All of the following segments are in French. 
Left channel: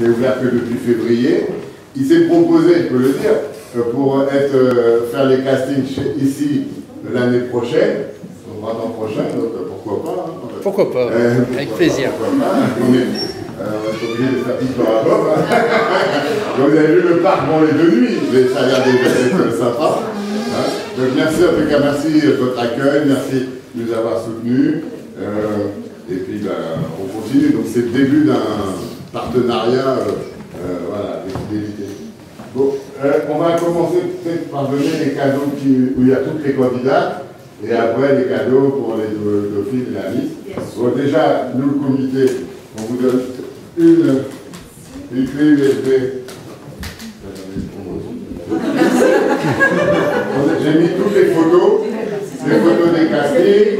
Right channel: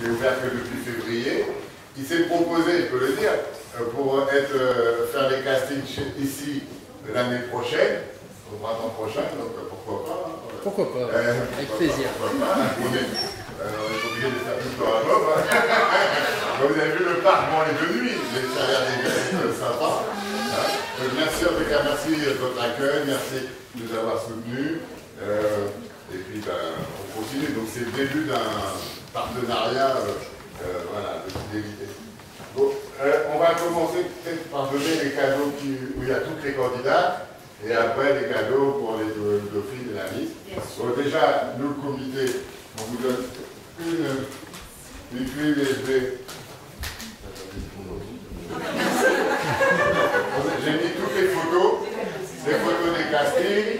qui est ouvert que depuis février. Il s'est proposé, je peux le dire, pour faire les castings ici l'année prochaine, au printemps prochain, donc pourquoi pas. Hein, pourquoi pas, avec plaisir. Pourquoi pas, on est obligé de faire tout par rapport. Vous avez vu le parc, bon, les deux nuits, mais ça a l'air d'être sympa. Hein. Donc merci en tout cas, merci de votre accueil, merci de nous avoir soutenus. Et puis on continue, donc c'est le début d'un partenariat voilà, de fidélité. Bon, on va commencer peut-être par donner les cadeaux où il y a toutes les candidates, et après les cadeaux pour les dauphines et la Miss. Bon, déjà, nous le comité, on vous donne une clé USB. J'ai mis toutes les photos des castings,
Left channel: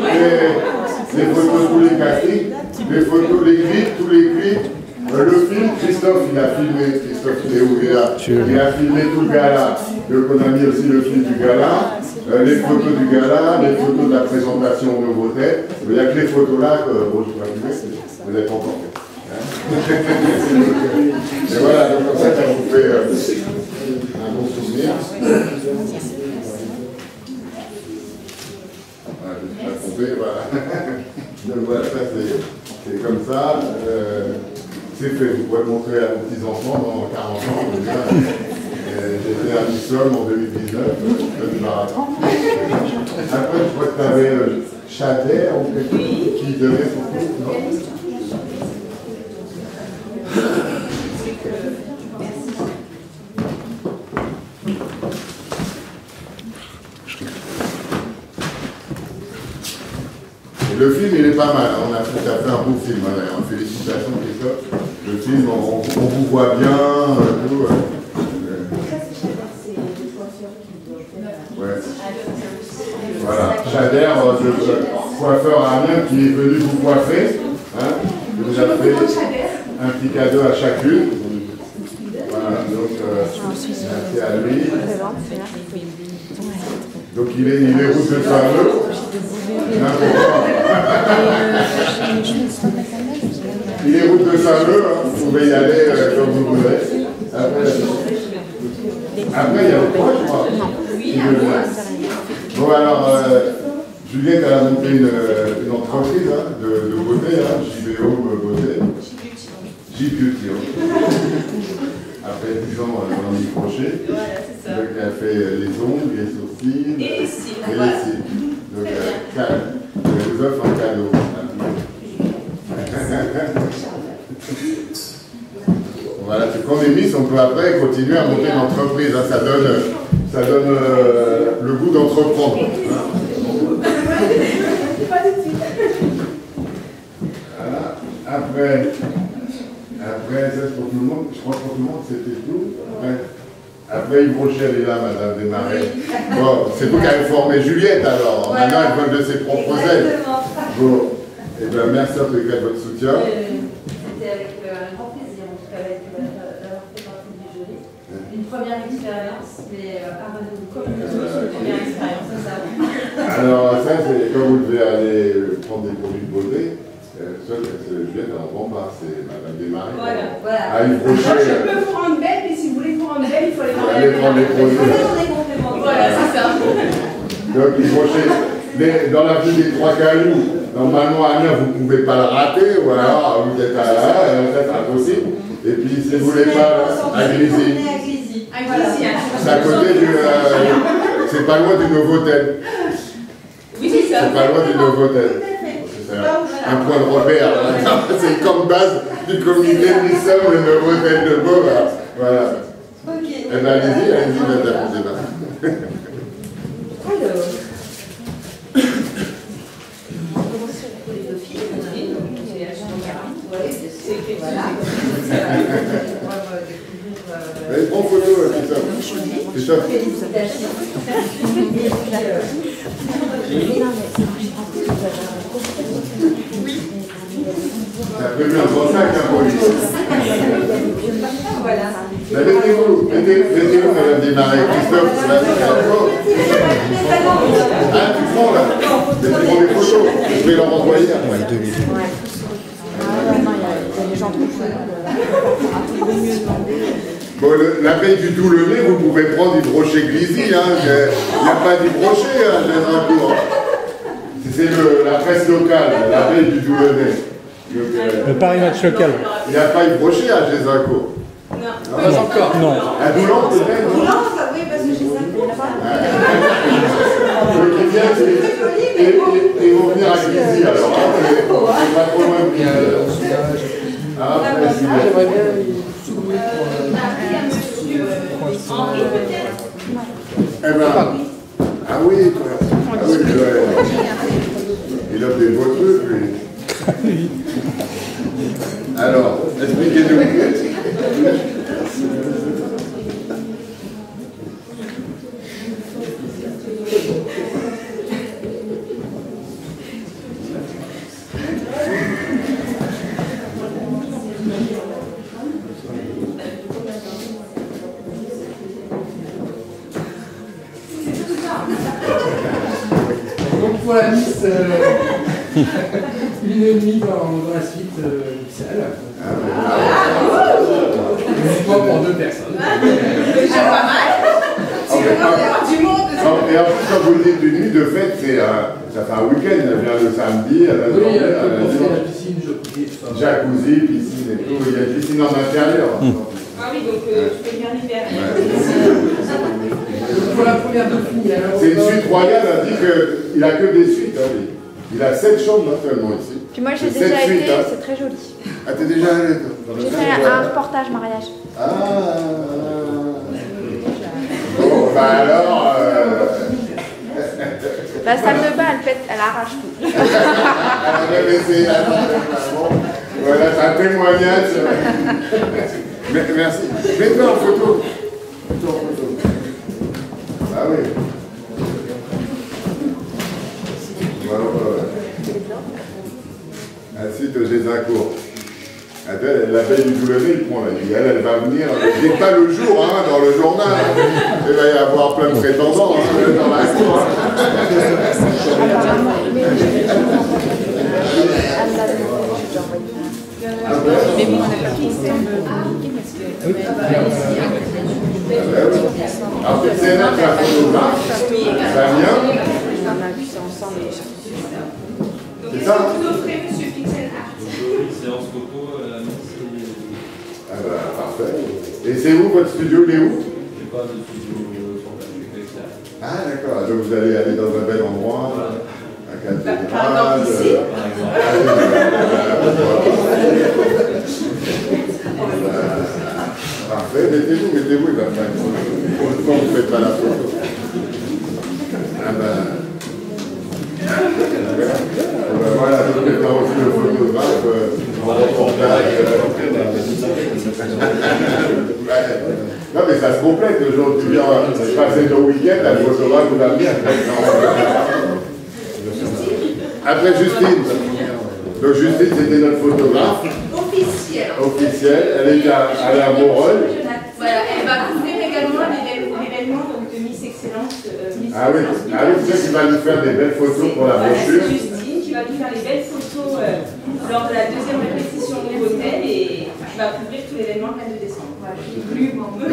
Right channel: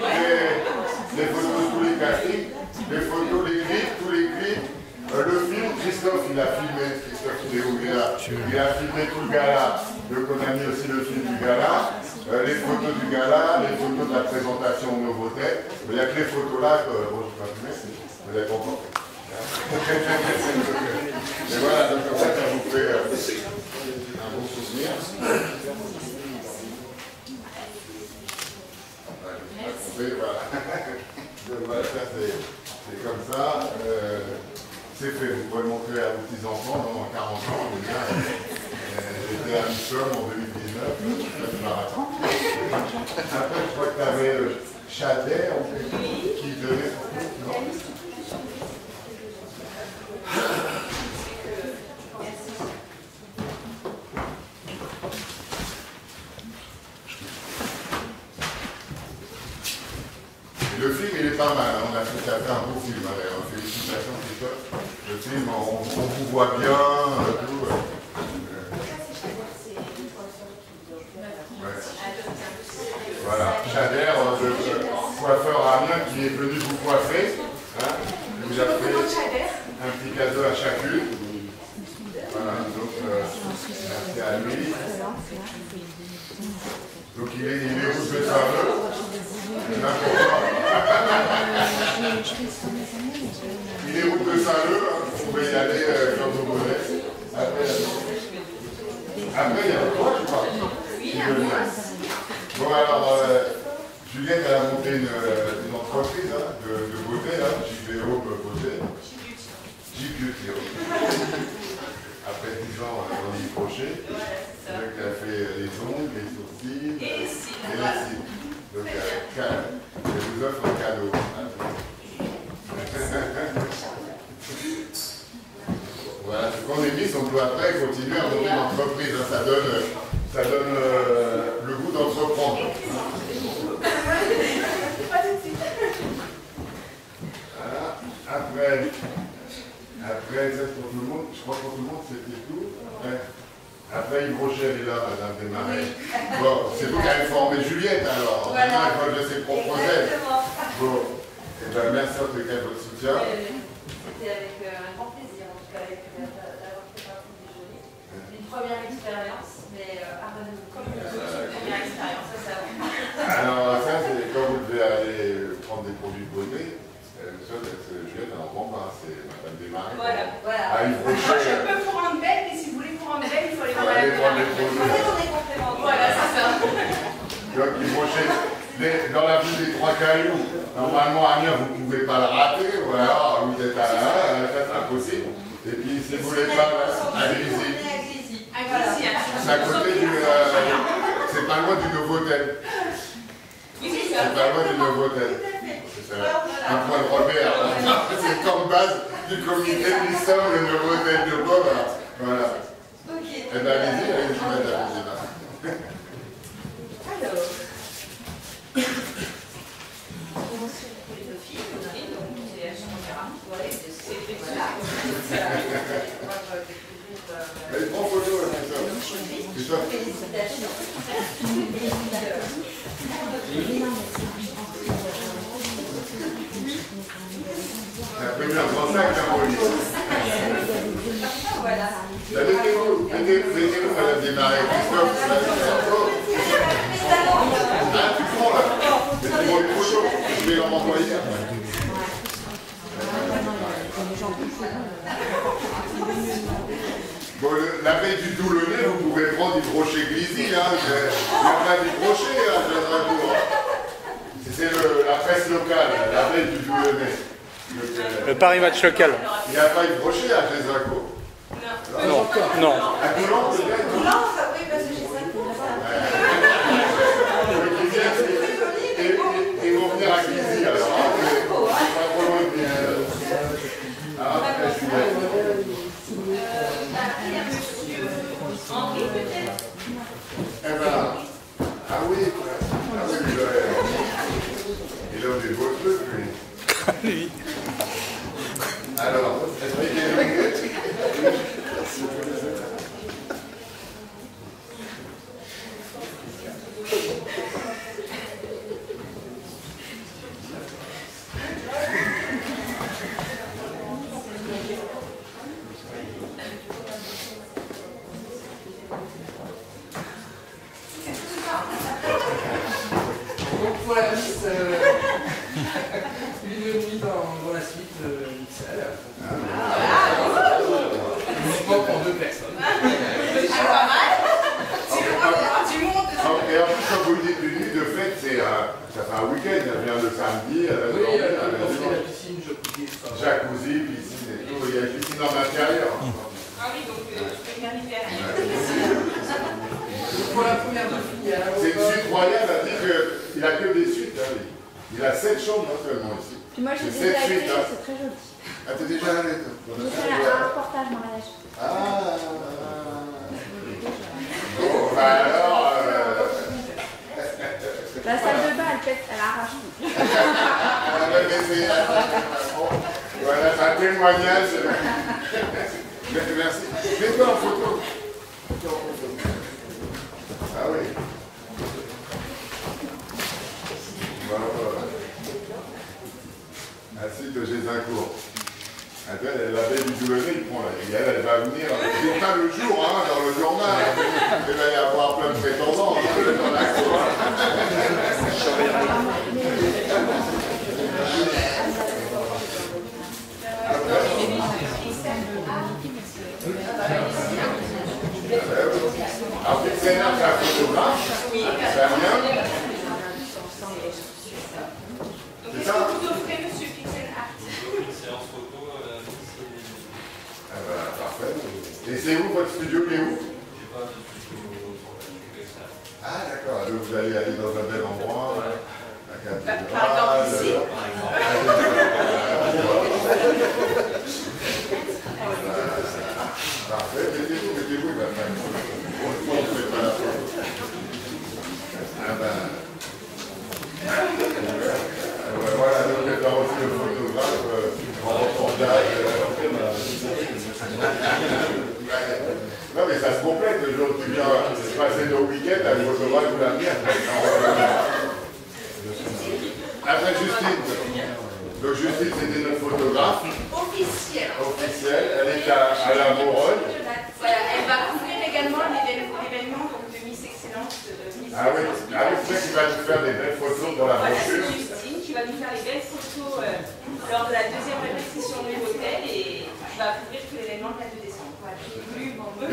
les photos de tous les castings, les photos, les clips, tous les clips. Le film, Christophe, il a filmé, Christophe, il est où? Il est là. Il a filmé tout le gala. Donc on a mis aussi le film du gala, les photos du gala, les photos de la présentation au Novotel. Il n'y a que les photos là que bon, je peux allumer, vous êtes emporté. Et voilà, donc comme ça vous fait un bon souvenir. Voilà. Donc voilà, ça c'est comme ça. C'est fait, vous pouvez le montrer à vos petits-enfants dans 40 ans. J'étais à Nissom en 2019, du marathon. Après, je crois que tu avais Chadet ou quelque chose qui donnait pour vous. Le film, il est pas mal. On a fait un beau film. Hein, félicitations, Christophe. Le film, on vous voit bien. Tout, ouais. Voilà. Chader, le coiffeur Amiens qui est venu vous coiffer. Hein, vous avez fait un petit cadeau à chacune. Voilà. Donc, merci à lui. Donc, il est route de Saint-Leu. Il est route de Saint-Leu, hein. Vous pouvez y aller comme vous voulez. Après il y a le coin, je crois. Bon alors, Juliette elle a monté une entreprise hein, de beauté, hein, JBO Beauté. J-Beauty. Après 10 ans dans les crochets. Donc elle a fait les ongles, les sourcils et les cils. Donc elle vous offre un cadeau. Voilà, c'est qu'on est mis, on peut après continuer à monter l'entreprise. Hein, ça donne le goût d'entreprendre. Voilà. Après, ça c'est pour tout le monde. Je crois que pour tout le monde c'était tout. Après Yves Rocher, elle est là, Madame Desmarais. Bon, c'est vous qui avez formé Juliette alors. Voilà. Maintenant, elle vole de ses propres ailes. Bon, et bien merci en tout cas de votre soutien. C'était avec un grand plaisir, en tout cas, d'avoir fait partie du jury. Une première expérience, mais pardonnez-nous, communiquer sur une première expérience, ça va. Alors, ça, c'est quand vous devez aller prendre des produits de beauté. Seul, parce que Juliette, elle n'en prend pas, c'est Madame Desmarais. Voilà, voilà. Ah, Yves Rocher. Je peux vous rendre belle, mais si vous voulez vous rendre belle, il faut aller prendre les produits. Voilà, c'est ça. Donc, Yves Rocher, dans la vue des Trois Cailloux, normalement, Amiens, vous ne pouvez pas le rater, ou alors vous êtes là, c'est impossible. Et puis, si vous ne voulez pas, à Glisy. C'est à côté du. C'est pas loin du Novotel. Oui, c'est ça. C'est pas loin du Novotel. Un point de repère. C'est comme base du comité de Nissom, le Novotel de Beau. Voilà. Allez-y, allez-y, allez, prends photo là, Christophe. Félicitations. T'as prévu un bon sac, la police. Voilà. Mettez-vous, Madame Desmarais. Christophe, c'est la ah, tu prends là. Mettez-moi les photos. Je vais leur envoyer. Ouais, 2 minutes. Bon, l'abeille du Toulonnais, vous pouvez prendre du brochet Glizy, hein. Il n'y a pas du brochet, hein, chez Zincourt. C'est la presse locale, l'abeille du Toulonnais. Le Paris Match local. Il n'y a pas eu brochet chez Zincourt. Non. Non. À Boulogne, peut-être? Boulogne, oui, parce que j'ai 5 cours, ça. Ils vont venir à Glizy, alors. C'est pas trop loin de Glizy, alors. Ah, merci. Henri, peut-être. Eh ben, ah oui, quoi. Ah oui, il offre des beaux trucs, lui. Alors, expliquez-nous. Donc pour la Miss, une nuit dans la suite salle. Uniquement pour 2 personnes. Déjà pas mal. C'est le moment d'avoir du monde. Et en plus, quand vous dites une nuit, de fait, ça fait un week-end, elle vient le samedi, elle va Oui, dormir, il y a elle va la piscine, jacuzzi, piscine et tout, il y a une piscine en intérieur. Ah oui, donc tu fais bien l'hiver. Donc pour la première Dauphine, il y a un C'est une suite royale, elle dit qu'il a que des suites. Hein, lui. Il a 7 chambres actuellement ici. Puis moi j'ai Et 7 déjà suites, été, hein. c'est très joli. Ah, t'es déjà allé toi, dans le J'ai suite fait un royal. reportage mariage. Bon, bah alors. La salle de bain, elle pète, elle arrache tout. Elle avait laissé. Voilà, c'est un témoignage. Merci. Mets-toi en photo. Mets-toi en photo. Ah oui. Voilà. Un site de Zincourt. L'abeille du Toulonnais, il prend la vie. Elle va venir. C'est pas le jour, hein, dans le journal. Il va y avoir plein de prétendants hein, dans la cour. Alors, c'est là que la photographe, ça vient. C'est ça? Séance photo, Ah ben, parfait. Et c'est où votre studio? Il est où? j'ai pas de studio sur la spéciale. Ah d'accord, donc vous allez aller dans un bel endroit, à Par exemple ici. Par exemple. Parfait, mettez-vous, il va faire pourquoi vous ne faites pas la photo? Ah ben... voilà, je vais faire aussi le photographe en reportage. Non mais ça se complète, le jour où tu viens passer ton week-end, la photographe ou la mienne. Après Justine. Donc Justine c'était notre photographe. Officielle. Elle est à Moreuil. Voilà, elle va couvrir également l'événement de Miss Excellence. Ah oui, c'est ça qui va nous faire des belles photos pour la brochure. C'est Justine qui va nous faire les belles photos lors de la deuxième répétition de l'hôtel et qui va couvrir tout l'événement le 22 décembre. Voilà, je n'ai plus un peu.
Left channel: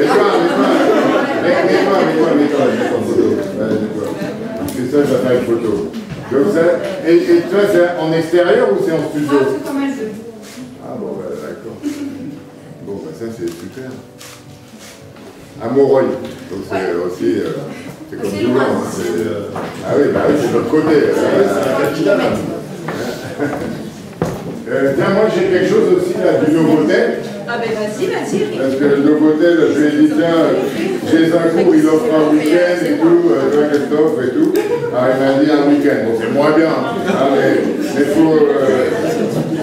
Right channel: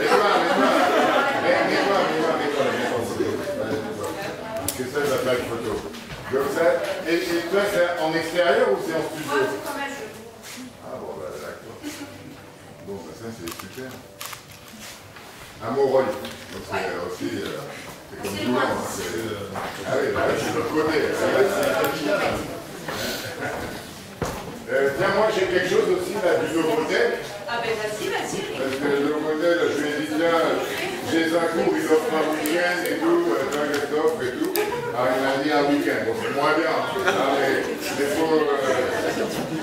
Mets-toi. C'est ça, ça fait une photo. Donc ça, et toi, c'est en extérieur ou c'est en studio? Moi, c'est comme un jeu. Ah bon, bah, d'accord. Bon, bah ça c'est super. À Moreuil, donc c'est aussi... c'est comme C'est tout le loin monde. d'ici. Ah oui, bah oui, c'est de l'autre côté. Tiens, moi j'ai quelque chose aussi là, du Novotel. Ah ben vas-y. Parce que le Novotel, je lui ai dit, tiens, j'ai un cours, il offre un week-end et tout, toi qu'est-ce que t'offres et tout. Alors il m'a dit un week-end, bon c'est moins bien, hein, mais faut...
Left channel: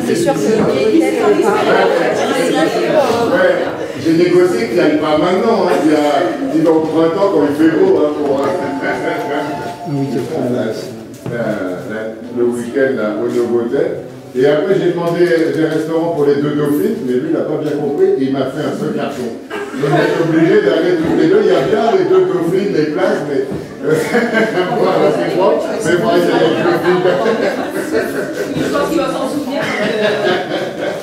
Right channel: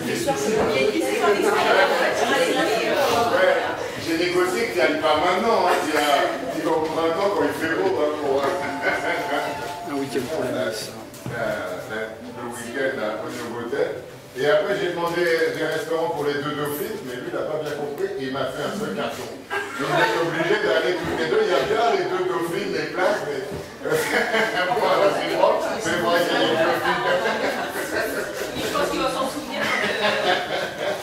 C'est sûr, Ouais, j'ai négocié qu'il n'y aille pas maintenant, hein, il va au printemps quand il fait beau, hein, pour... le week-end là, au Novotel. Et après, j'ai demandé des restaurants pour les 2 dauphines, mais lui, il n'a pas bien compris, et il m'a fait un seul carton. Donc, on est obligé d'aller tous les deux. Il y a bien les 2 dauphines, les places, mais. Voilà, c'est moi, mais moi, il y a les dauphines. Je pense qu'il va s'en souvenir.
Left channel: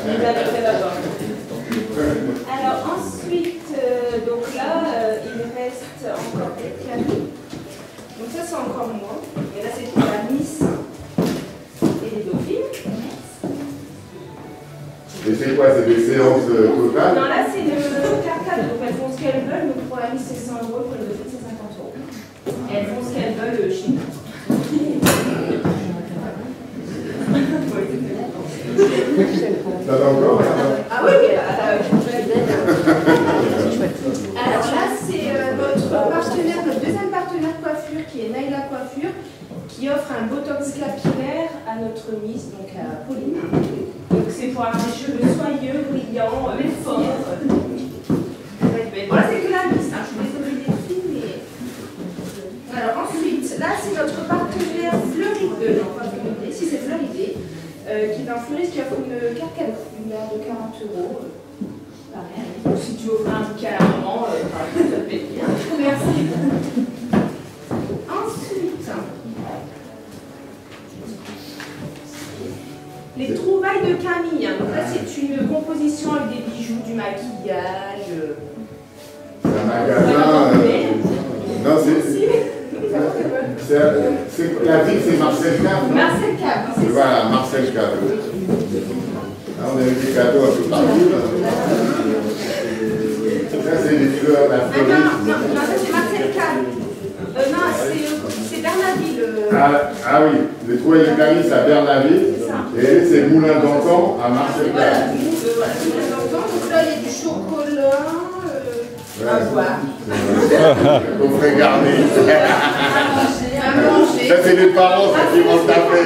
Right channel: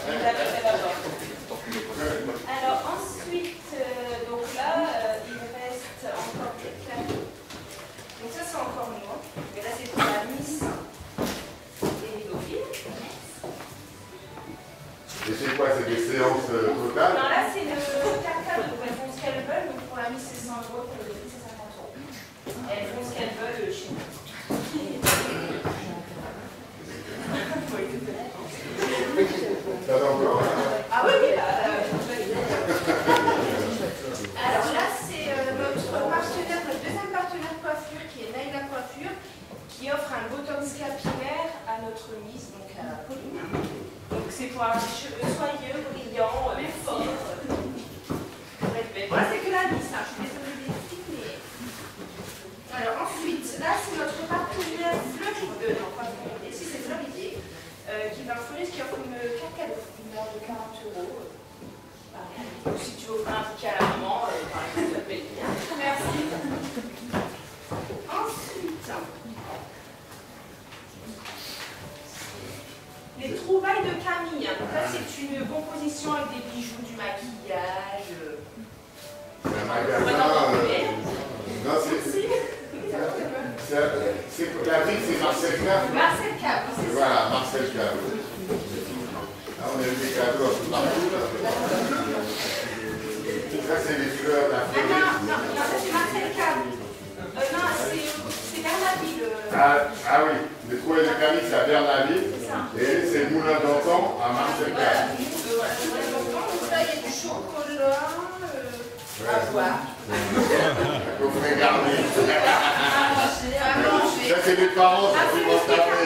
Il l'avait fait d'abord. Alors, ensuite, encore Camille. Donc ça c'est encore moi. Et là c'est pour la Miss et les dauphines. Et c'est quoi? C'est des séances totales? Non, là c'est le carcade. Donc elles font ce qu'elles veulent. Donc pour la Miss c'est 100 €, pour les dauphines c'est 50 €. Et elles font ce qu'elles veulent chez nous. Ça va encore? Ah oui, oui, là. Alors là, c'est notre partenaire, notre deuxième partenaire coiffure qui est Naïla Coiffure, qui offre un botox capillaire à notre Miss, donc à Pauline. Donc c'est pour avoir des cheveux soyeux, brillants, mais forts. Voilà, c'est que la Miss, hein. Je suis désolée des filles, mais... Alors ensuite, là c'est notre partenaire Fleuridé, non pas Fleuridé, si c'est Fleuridé, qui est un fleuriste qui offre une carte cadeau, une valeur de 40 €. Pareil. Donc, si tu veux offrir un bouquet à la maman, ça te fait plaisir. Merci. Ensuite, les trouvailles de Camille. Donc là, c'est une composition avec des bijoux, du maquillage. C'est un magasin. Non, c'est la ville, c'est Marcel Cave. Marcel Cave, c'est ça. Voilà, Marcel Cave. Là, on a eu des cadeaux un peu partout. Ça, c'est les fleurs, la Non, fleuriste. ça c'est Marcel Cave. Non, c'est Bernaville. Ah oui, les trouvailles de Camille, c'est à Bernaville. Et c'est Moulin d'Antan à Marcel Cave. Voilà, Moulin d'Antan. Donc là, il y a du chocolat. À boire. Qu'on fait garder. À manger. Ça, c'est les parents qui vont se taper.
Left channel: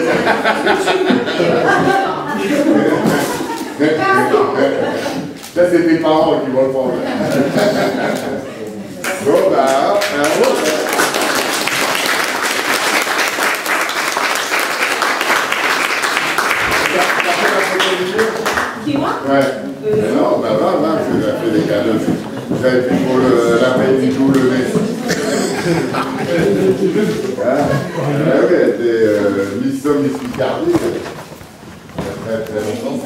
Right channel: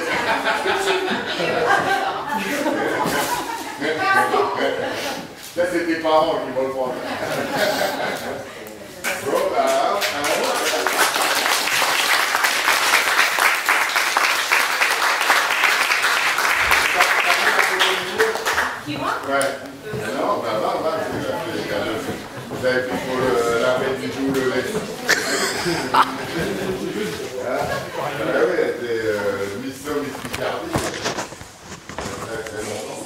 Ça, c'est tes parents qui vont le prendre. Bon, bah, Qui, moi? ouais. Non, bah, va, tu as fait des cadeaux. Vous avez pris pour la veille du jour le nez. Ouais, t'es Miss Somme, Miss Picardie. Très très longtemps.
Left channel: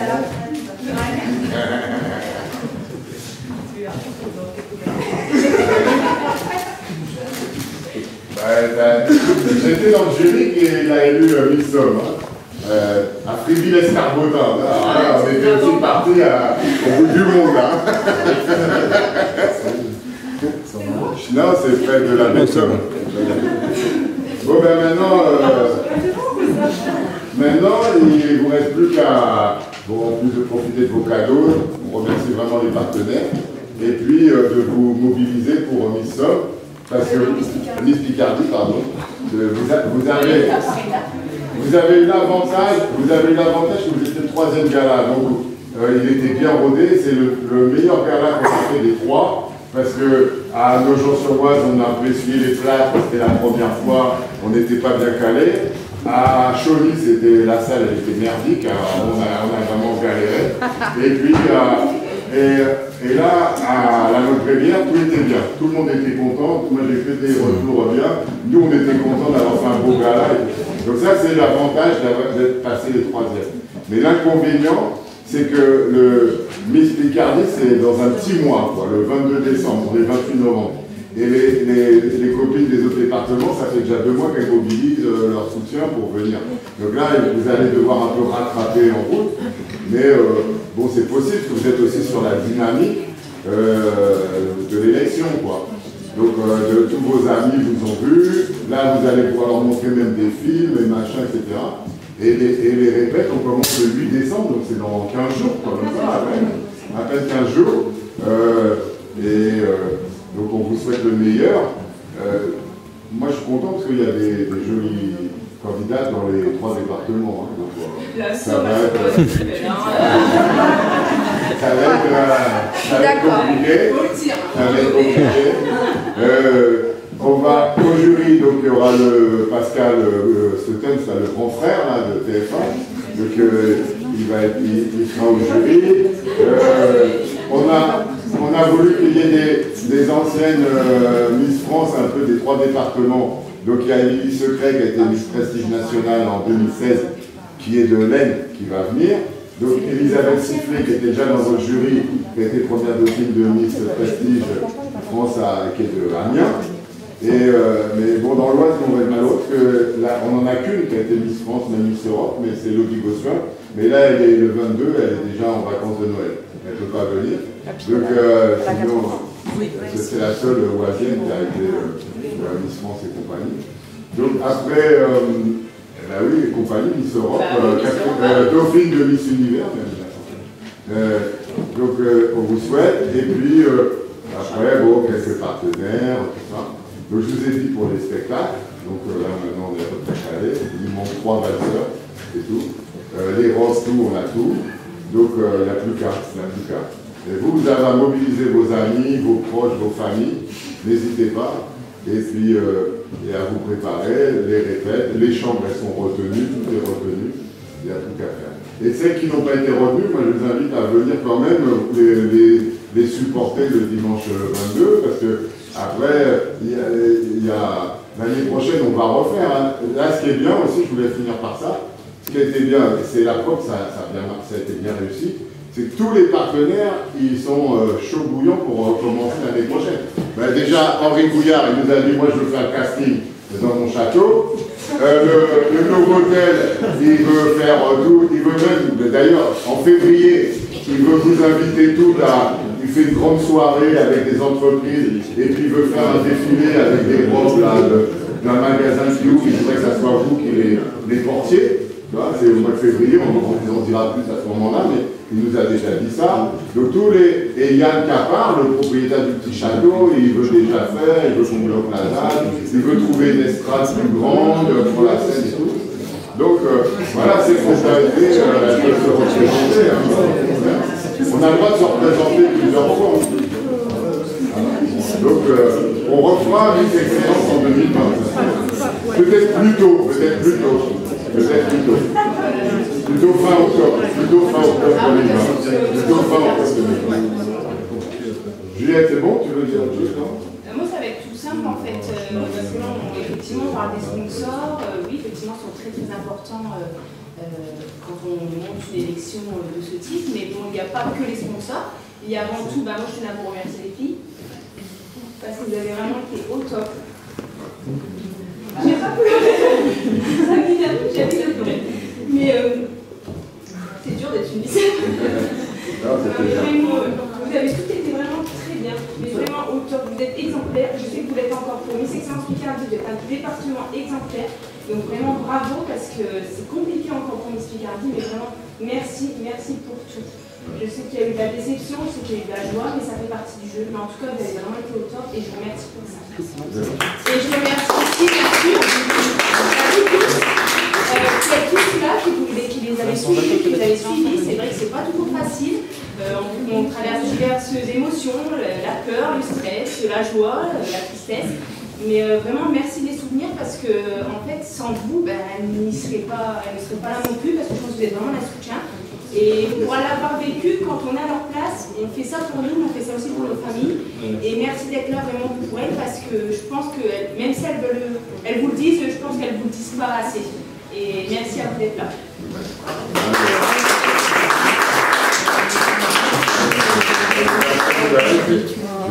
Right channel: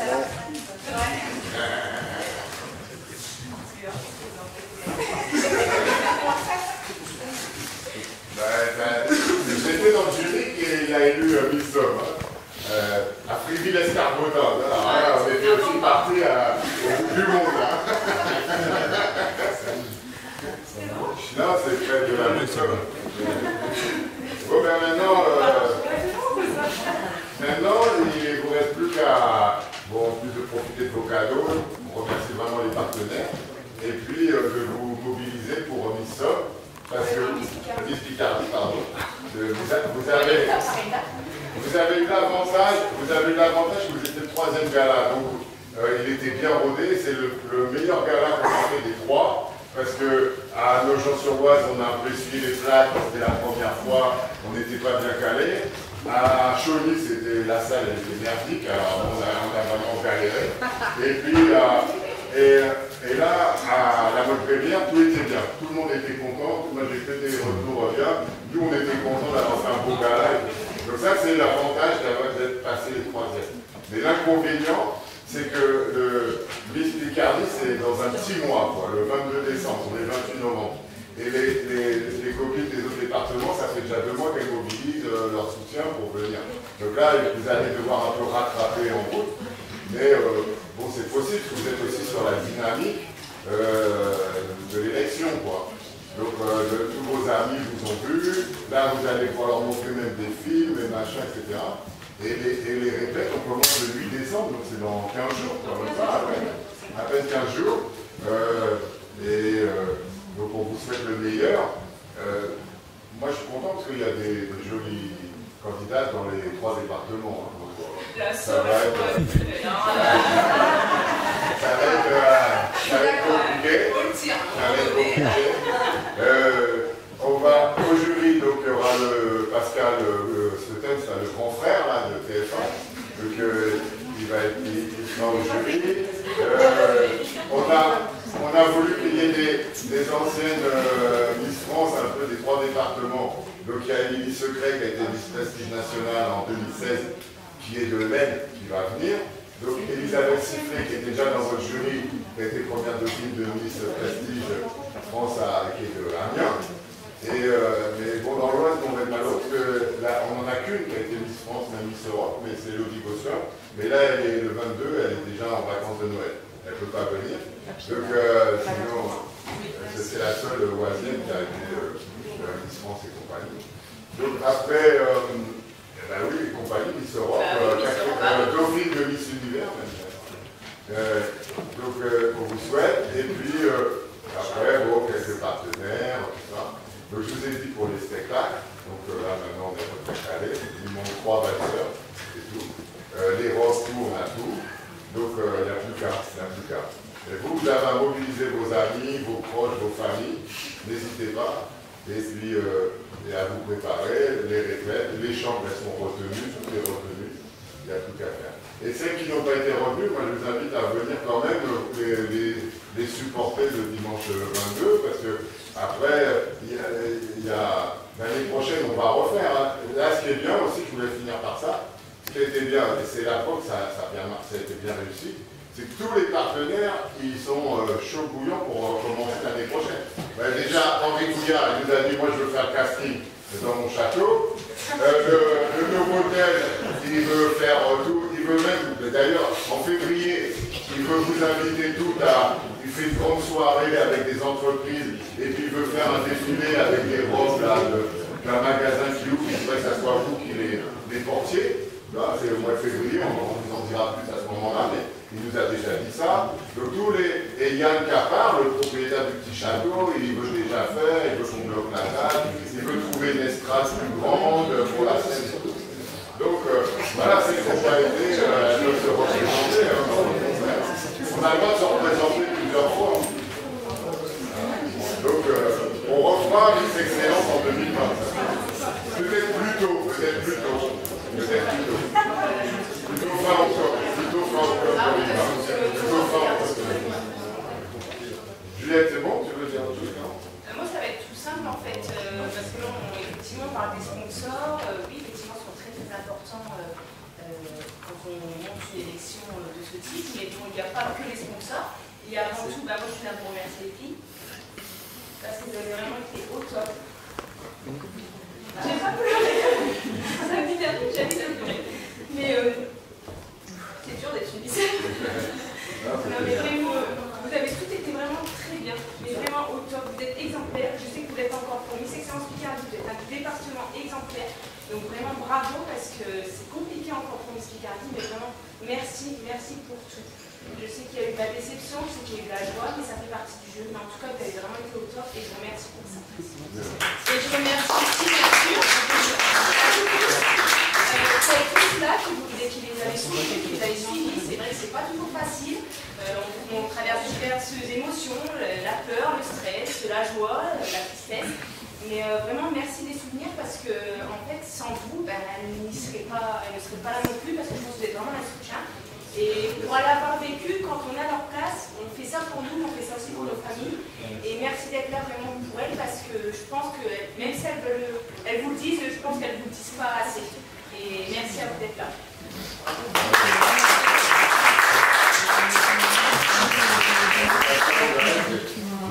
J'étais dans le jury qui a élu Miss Somme. À Fréville-Escarbotin. On était aussi partis au bout du monde. Là. Non, c'est près de la maison. Bon, ben maintenant, il ne vous reste plus qu'à, bon, en plus de profiter de vos cadeaux, on remercie vraiment les partenaires, et puis de vous mobiliser pour Miss Somme, parce que Miss Picardie, pardon, vous avez eu l'avantage que vous étiez le troisième gala, donc il était bien rodé, c'est le meilleur gala qu'on a fait des trois. Parce que à Nogent-sur-Oise, on a un peu essuyé les plâtres, c'était la première fois, on n'était pas bien calé. À Chauny, la salle elle était merdique, on a vraiment galéré. Et puis, et là, à la Motte-Bélière, tout était bien. Tout le monde était content, moi j'ai fait des retours bien. Nous, on était contents d'avoir fait un beau gala. Donc ça, c'est l'avantage d'être passé les troisièmes. Mais l'inconvénient, c'est que le Miss Picardie, c'est dans un petit mois, quoi, le 22 décembre, on est 28 novembre. Et les copines des autres départements, ça fait déjà 2 mois qu'elles mobilisent leur soutien pour venir. Donc là, vous allez devoir un peu rattraper en route. Mais bon, c'est possible, parce que vous êtes aussi sur la dynamique de l'élection, quoi. Donc tous vos amis vous ont vu. Là, vous allez pouvoir leur montrer même des films, et machin, etc. Et les répètes, on commence le 8 décembre, donc c'est dans 15 jours, quoi, même pas, à peine 15 jours. Donc on vous souhaite le meilleur. Moi je suis content parce qu'il y a des jolis candidats dans les 3 départements. Hein, donc, ça va être compliqué. On va au jury, donc il y aura le Pascal Stetten, le grand frère là, de TF1. Donc il sera au jury. On a voulu qu'il y ait des anciennes Miss France, un peu des 3 départements. Donc il y a Émilie Secret qui a été Miss Prestige Nationale en 2016, qui est de l'Aisne, qui va venir. Donc Elisabeth Sifflet, qui était déjà dans votre jury, qui a été première dauphine de Miss Prestige France, qui est de Amiens. Mais bon, dans l'Oise, on va être malheureux parce que là, on n'en a qu'une qui a été Miss France, même Miss Europe, mais c'est Lottie Gossuin. Mais là, elle est le 22, elle est déjà en vacances de Noël. Elle ne peut pas venir. Donc, sinon, c'est la seule oisienne qui a été Miss France et compagnie. Donc, après, bah oui, les compagnies, Miss Europe, Dauphine de Miss Univers, même. Donc, on vous souhaite. Et puis, après, bon, quelques partenaires, tout ça. Donc, je vous ai dit pour les spectacles. Donc, là, maintenant, on est à peu près calé. Il nous manque 3 valseurs, c'est tout. Les roses, tout, on a tout. Donc, il n'y a plus qu'à. Et vous avez à mobiliser vos amis, vos proches, vos familles. N'hésitez pas. Et puis, et à vous préparer, les répètes. Les chambres, elles sont retenues, tout est retenu. Il n'y a plus qu'à faire. Et celles qui n'ont pas été retenues, moi, je vous invite à venir quand même les supporter le dimanche 22, parce que après, l'année prochaine, on va refaire. Hein. Là, ce qui est bien aussi, je voulais finir par ça, ce qui a été bien, c'est la preuve, ça a été bien réussi, c'est que tous les partenaires, ils sont chauds bouillants pour commencer l'année prochaine. Ben, déjà, Henri Bouillard, il nous a dit, moi je veux faire le casting dans mon château. Le Novotel, il veut faire tout, il veut même, d'ailleurs, en février, il veut vous inviter tous là, il fait une grande soirée avec des entreprises, et puis il veut faire un défilé avec des robes là, d'un magasin qui ouvre, il faudrait que ça soit vous qui les portiez. C'est au mois de février, on en dira plus à ce moment-là, mais il nous a déjà dit ça. Donc et Yann Capard, le propriétaire du petit château, il veut déjà faire, il veut qu'on bloque la date, il veut trouver une estrade plus grande pour la scène et tout. Donc voilà, ces propriétés, elles peuvent se représenter. Hein. On a le droit de se représenter plusieurs fois. Donc on refera Miss Excellence en 2020. Peut-être plus tôt. Plutôt fin octobre 2020. Juliette, c'est bon? Tu veux dire autre chose? Moi, ça va être tout simple en fait, parce que là, effectivement, on parle des sponsors. Oui, effectivement, sont très importants quand on monte une élection de ce type. Mais bon, il n'y a pas que les sponsors. Il y a avant tout, moi, je suis là pour remercier les filles, parce que vous avez vraiment été au top. J'ai pas pleuré. 5 minutes, j'ai dit de pleurer. Mais c'est dur d'être une lycéenne. Vous avez tout été vraiment très bien, mais vraiment au top. Vous êtes exemplaire. Je sais que vous l'êtes encore pour Miss Excellence Picardie. Vous êtes un département exemplaire. Donc vraiment bravo, parce que c'est compliqué encore pour Miss Picardie, mais vraiment merci pour tout. Je sais qu'il y a eu de la déception, je sais qu'il y a eu de la joie, mais ça fait partie du jeu. Mais en tout cas, vous avez vraiment été au top et je vous remercie pour ça. Et je remercie aussi, bien sûr, à vous tous, cette tous-là qui les avez suivis. C'est vrai que c'est pas toujours facile. On traverse diverses émotions, la peur, le stress, la joie, la tristesse. Mais vraiment, merci de les soutenir, parce que en fait, sans vous, elles ne seraient pas là non plus, parce que je pense que vous êtes vraiment un soutien. Et pour l'avoir vécu, quand on est à leur place, on fait ça pour nous, mais on fait ça aussi pour nos familles. Et merci d'être là vraiment pour elles, parce que je pense que même si elles vous le disent, je pense qu'elles ne vous le disent pas assez. Et merci à vous d'être là.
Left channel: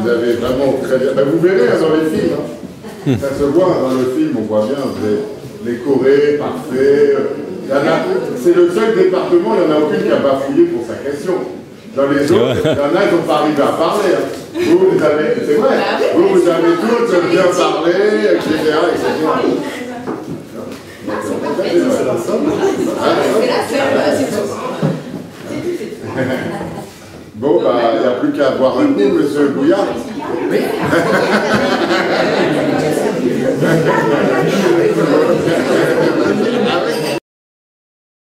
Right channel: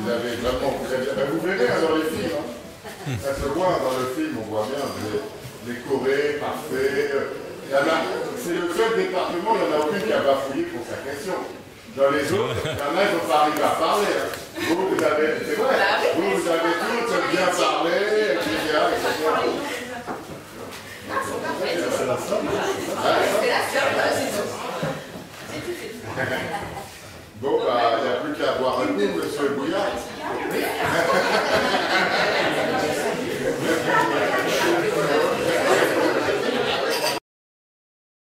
Vous avez vraiment très bien. Vous verrez dans les films, hein. Ça se voit dans le film, on voit bien, les chorés, parfaits. C'est le seul département, il n'y en a aucun qui n'a pas fouillé pour sa question. Dans les autres, il y en a qui n'ont pas arrivé à parler. Hein. Vous avez, c'est vrai, vous avez toutes bien parlé, etc. C'est la seule, c'est tout. Bon, il n'y a plus qu'à boire un coup, monsieur Bouillard.